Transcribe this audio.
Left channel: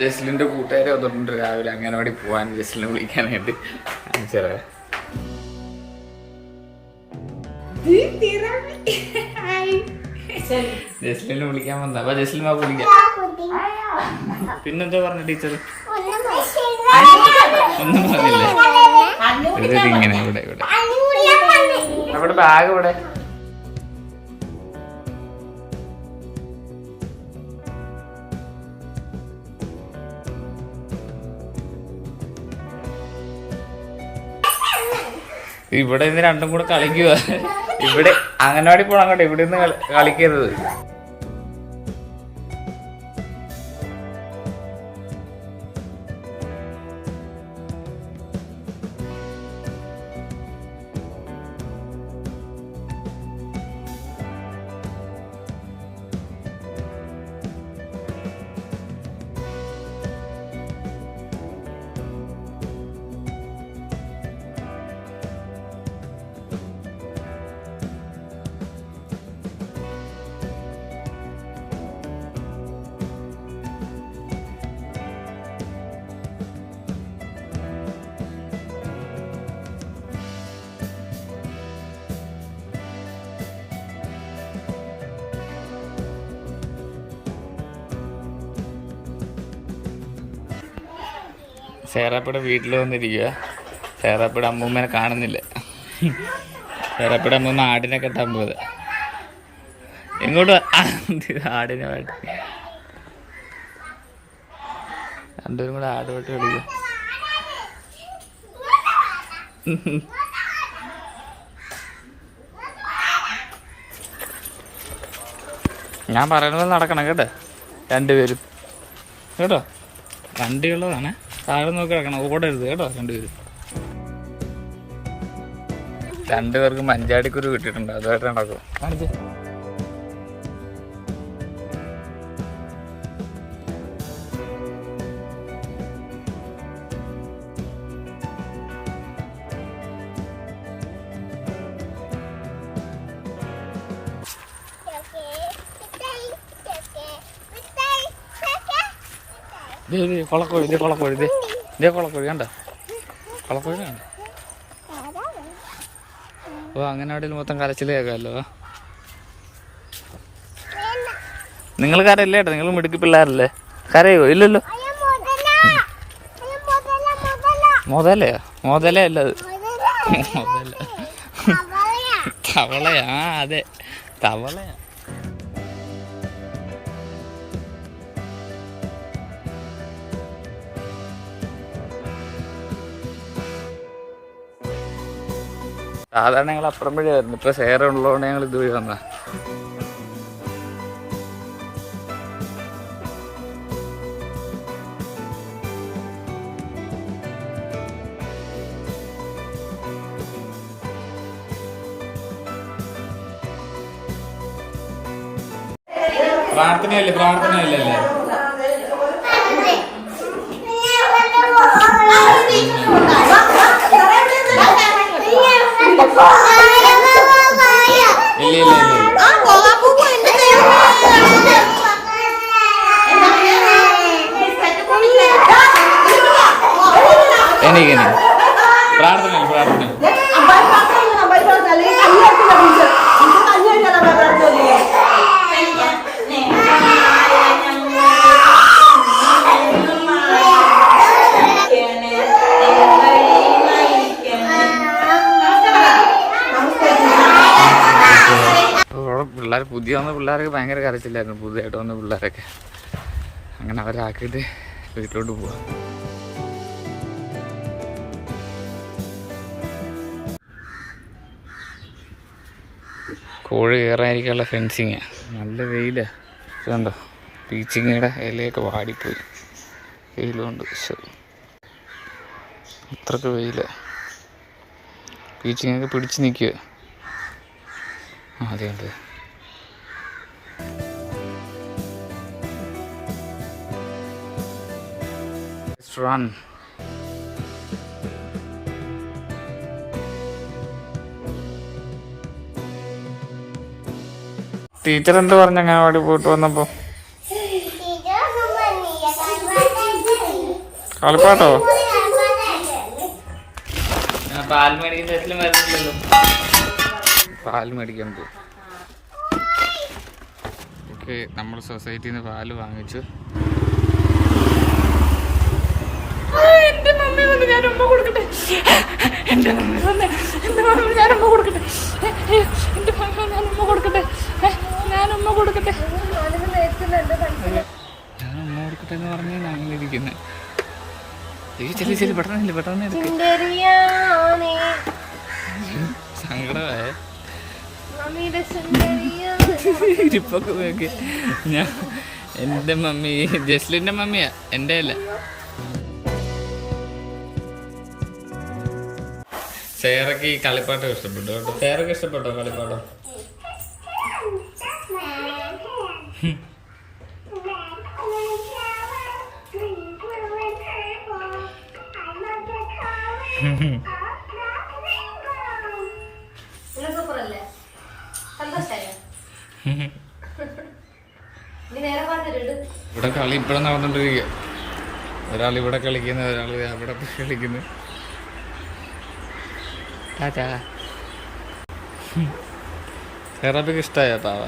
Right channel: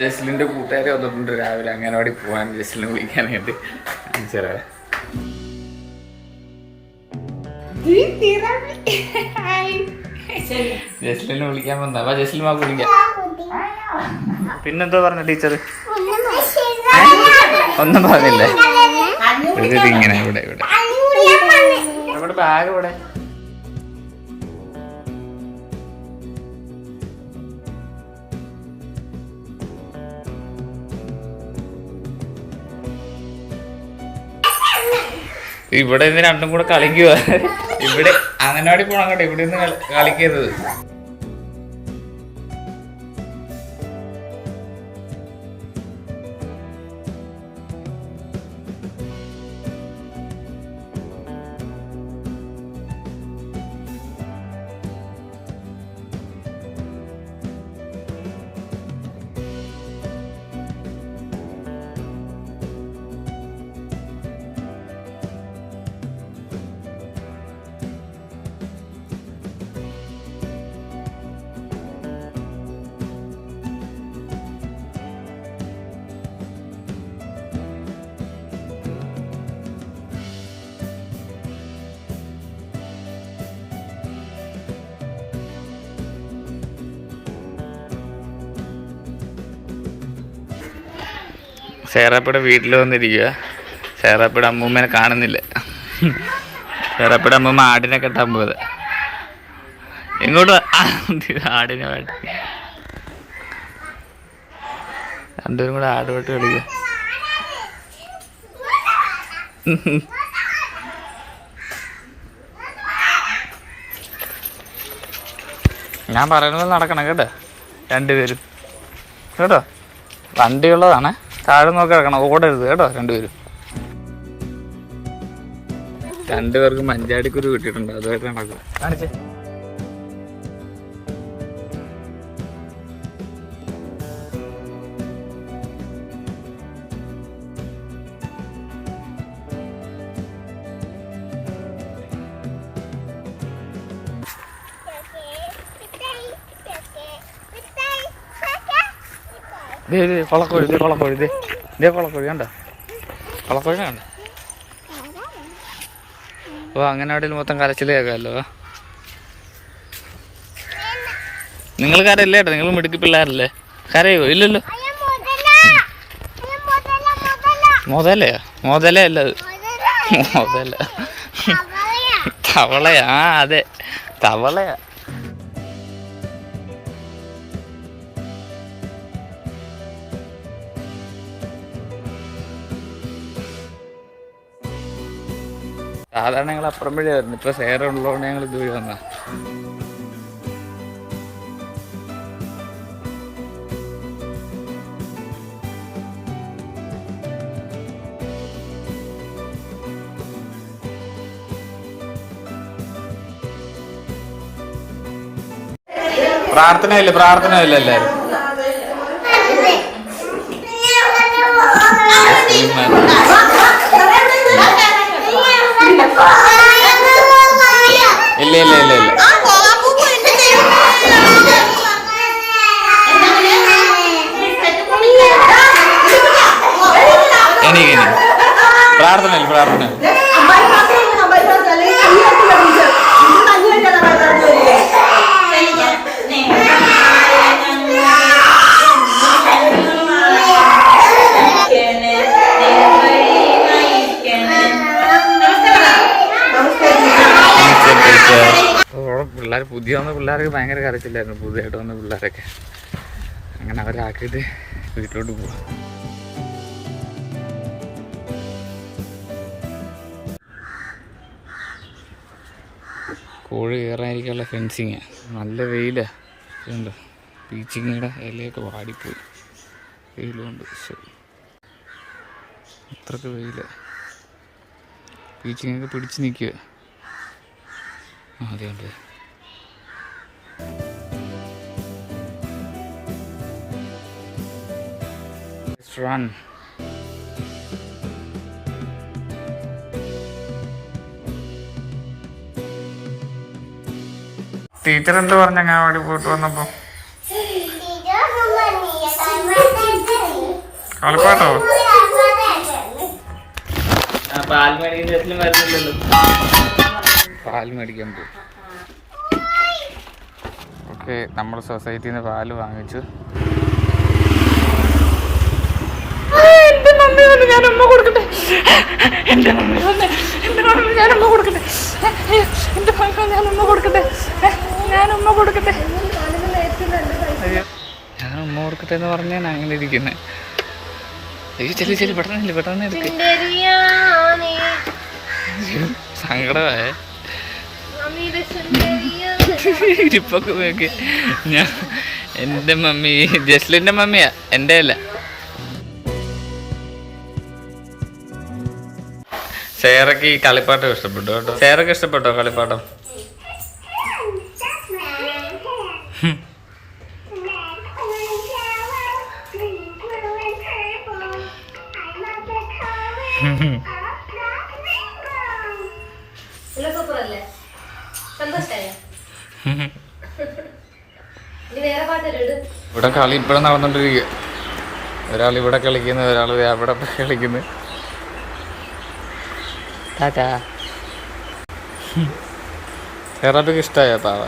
ജസ്ലിൻ്റെ കൂട്ടുകാരെ വന്നിട്ടുണ്ട് രാവിലെ അങ്ങനവാടി പോകാൻ ജസ്ലിനെ വിളിക്കാനായിട്ട്. കാണിച്ചറ ജസ്ലിനെ വിളിക്കാൻ വന്ന. അപ്പൊ ജസ്ലിൻ വാക്ക് വിളിക്കാം. പിന്നെന്തോ പറഞ്ഞ ടീച്ചർ? ഒന്നും പറഞ്ഞില്ലേ? ഇങ്ങനെ ഇവിടെ ഇവിടെ അവിടെ ബാഗ് ഇവിടെ. ഇവിടെ നിന്ന് രണ്ടും കൂടെ കളിക്കുക. ഇവിടെ അങ്ങനവാടി പോണം അങ്ങോട്ടെ, ഇവിടെ നിന്ന് കളിക്കരുത്. സേറാപ്പയുടെ വീട്ടിൽ വന്നിരിക്കുക. സേറാപ്പയുടെ അമ്മൂമ്മേനെ കാണുന്നില്ല. സേറാപ്പയുടെ അമ്മൂമ്മ ആടിനെ കെട്ടാൻ പോയത്. എങ്ങോട്ട് ആടിനെ വേണ്ട, രണ്ടുപേരും കൂടെ ആട് വെട്ട് കളിക്കുക. ഞാൻ പറയുന്നത് നടക്കണം കേട്ടോ രണ്ടുപേരും കേട്ടോ. വണ്ടിയുള്ളതാണ്, താഴെ നോക്കി കിടക്കണം, ഓടരുത് കേട്ടോ രണ്ടുപേരും. രണ്ടുപേർക്ക് മഞ്ചാടിക്കുരു കിട്ടിയിട്ടുണ്ട്, അതുമായിട്ട് നടക്കും. കാണിച്ചേ. കൊളക്കോഴി, കൊളക്കോഴി, കൊളക്കോഴി കണ്ട, കൊളക്കോഴി കണ്ട. ഓ അങ്ങനവാടിയിൽ മൊത്തം കരച്ചിൽ കേൾക്കാമല്ലോ. നിങ്ങൾ കരയില്ലേ ഏട്ടാ? നിങ്ങൾ മിടുക്കി പിള്ളേരല്ലേ? കരയോ? ഇല്ലല്ലോ. മുതലയാ? മുതലയല്ല അത്, മുതല തവളയാ. ആ അതെ, തവളയാ. സാധാരണ ഞങ്ങൾ അപ്പുറം വഴി വരുന്നു. ഇപ്പൊ സേറ ഉള്ളതുകൊണ്ട് ഞങ്ങൾ ഇതുവഴി വന്ന. പ്രാർത്ഥനയില്ല, പ്രാർത്ഥനയില്ല എല്ലാരും. ഇല്ല ഇല്ല ഇല്ല ഇല്ല. എനിക്ക് പ്രാർത്ഥനയില്ല, പ്രാർത്ഥന. പിള്ളേർ പുതിയ വന്ന പിള്ളേർക്ക് ഭയങ്കര കരച്ചില്ലായിരുന്നു, പുതിയതായിട്ട് വന്ന പിള്ളേരൊക്കെ. അങ്ങനെ അവരാക്കിയിട്ട് വീട്ടിലോട്ട് പോവാം. കോഴി കയറാതിരിക്കാനുള്ള ഫെൻസിങ്. നല്ല വെയിലാണ്, ഇതുണ്ടോ? പീച്ചിങ്ങയുടെ ഇലയൊക്കെ വാടിപ്പോയി വെയിലുകൊണ്ട്. അത്രക്ക് വെയില. പീച്ചിങ്ങൊക്കെ പിടിച്ച് നിൽക്കുക. അതുകൊണ്ട് run. ടീച്ചർ എന്ത് പറഞ്ഞ അങ്ങനവാടി പോയിട്ട് വന്നപ്പോ? കളിപ്പാട്ടോ പാൽ മേടിക്കുന്ന ശേഷം വരുന്നില്ലല്ലോ. പാൽ മേടിക്കാൻ പോകും. ഓക്കെ, നമ്മുടെ സൊസൈറ്റിയിൽ നിന്ന് പാല് വാങ്ങിച്ചു. എന്റെ മമ്മി വന്ന് ഞാൻ ഉമ്മ കൊടുക്കട്ടെ. എന്റെ മമ്മി വന്ന് ഞാൻ ഉമ്മ കൊടുക്കട്ടെ. എന്റെ മമ്മി ഞാൻ ഉമ്മ കൊടുക്കട്ടെ. ഞാൻ ഉമ്മ കൊടുക്കട്ടെ. ഞാൻ ഉമ്മ കൊടുക്കട്ടെ എന്ന് പറഞ്ഞാൽ അങ്ങനെ ഇരിക്കുന്നത്. അയ്യോ ചെല്ലി ചെല്ലി പെട്ടെന്ന് പെട്ടെന്ന് എടുക്ക്. സങ്കടമേ ഇരിപ്പൊക്കെ നോക്കി. ഞാൻ എൻ്റെ മമ്മി ജസ്ലിൻ്റെ മമ്മിയാ, എൻ്റെ അല്ല. സേറക്ക് ഈ കളിപ്പാട്ടം ഇഷ്ടപ്പെട്ടു കേട്ടോ. സേറക്ക് ഇഷ്ടപ്പെട്ടോ കളിപ്പാട്ടം? ഇവിടെ കളി ഇപ്പോഴും നടന്നുകൊണ്ടിരിക്കുക. ഒരാൾ ഇവിടെ കളിക്കുന്നു, ഒരാൾ അവിടെ കളിക്കുന്നു. ടാറ്റാ. സെറാപ്പിക്ക് ഇഷ്ടമായോ പാവ?